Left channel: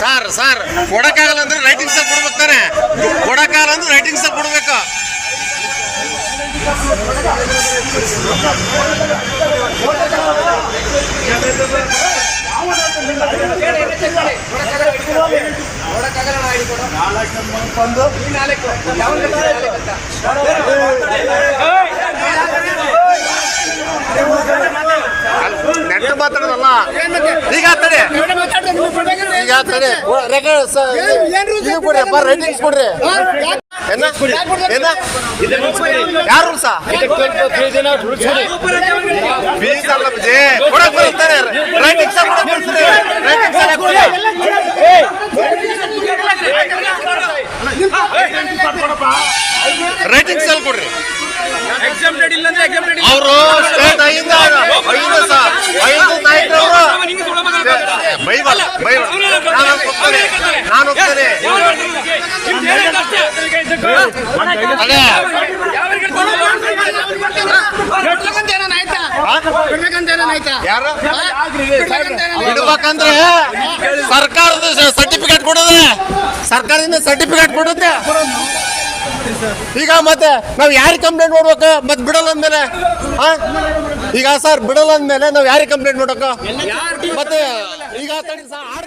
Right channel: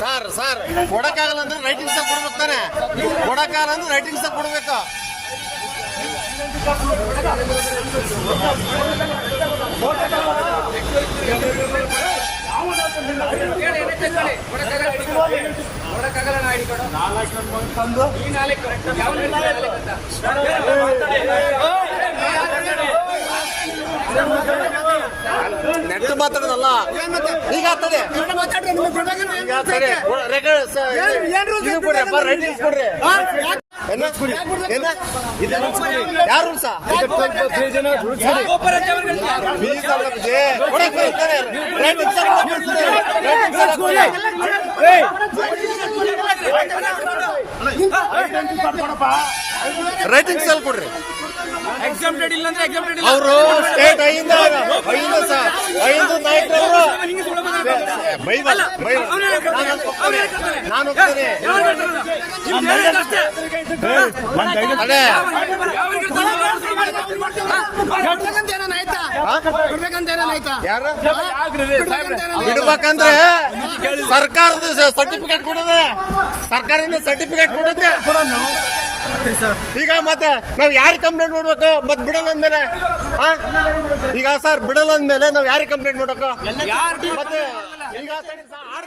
Sir sir. ಕೊಡಕ್ಕಾಗಲ್ಲ ಅಂದ್ರೆ writing ಸಹ ಕೊಡ್ಬೇಕು ತಾನೆ. ಕೊಡಕ್ಕಾಗಲ್ಲ ಅಂದ್ರೆ ರೈಟಿಂಗ್ ಸಹ ಕೊಡ್ಬೇಕು. ಮಾತಾಡೋದಲ್ಲ ಈಗ ಈಗ ಇದು ಕೊಡ್ರಿ ಅಪ್ಪ ರೈಟಿಂಗ್ಸ್ ಕೊಡ್ರಿ. ಏನ ಏನ ಯಾರು ಸಾ ಫೀಸ್ ಅಲ್ಲ ಬಿಜೆ. ಕೊಡಕ್ ಬರುತ್ತಾರೆ ರೈಟಿಂಗ್ ಸಹ ಕೊಡಕ್ ಬರ್ತಾರೆ ರೈಟಿಂಗ್ ಸಹ ಕೊಡಿ ರೈಟಿಂಗ್ ಸೆಲ್ ಕೊಡ್ರಿ. ಅವರು ಸ್ಟೇಟ್ ಐದು ಐದು ನಾಯಕರವರು ನಾನು ಬಿಡ್ಬೇಕಂದ್ರೆ ಸರ್ಕಾರದ ಸರ್ಟಿಫಿಕೇಟ್ ಕೊಡೋದ್ರೆ ಸರ್ಕಾರದಿಂದ ಸರ್ಟಿಫಿಕೇಟ್ ಕೊಡುತ್ತೆ? ಈಗ ಮತ್ತೆ ನಾವ್ ಯಾರಿಗೆ ಕಂಪ್ಲೇಂಟ್ ಮಾಡ್ಬೇಕು? ಮತ್ತೆ ಬಿಡಲ್ಲ ಅಂದ್ಮೇಲೆ? ಈಗ ಸರ್, ಬಿಡಲ್ಲ ಅಂದ್ಮೇಲೆ ನಾವ್ ಯಾರಿಗೆ ಕಂಪ್ಲೇಂಟ್ ಮಾಡ್ಬೇಕು? ಮತ್ತೆ ಈಗ ಸರ್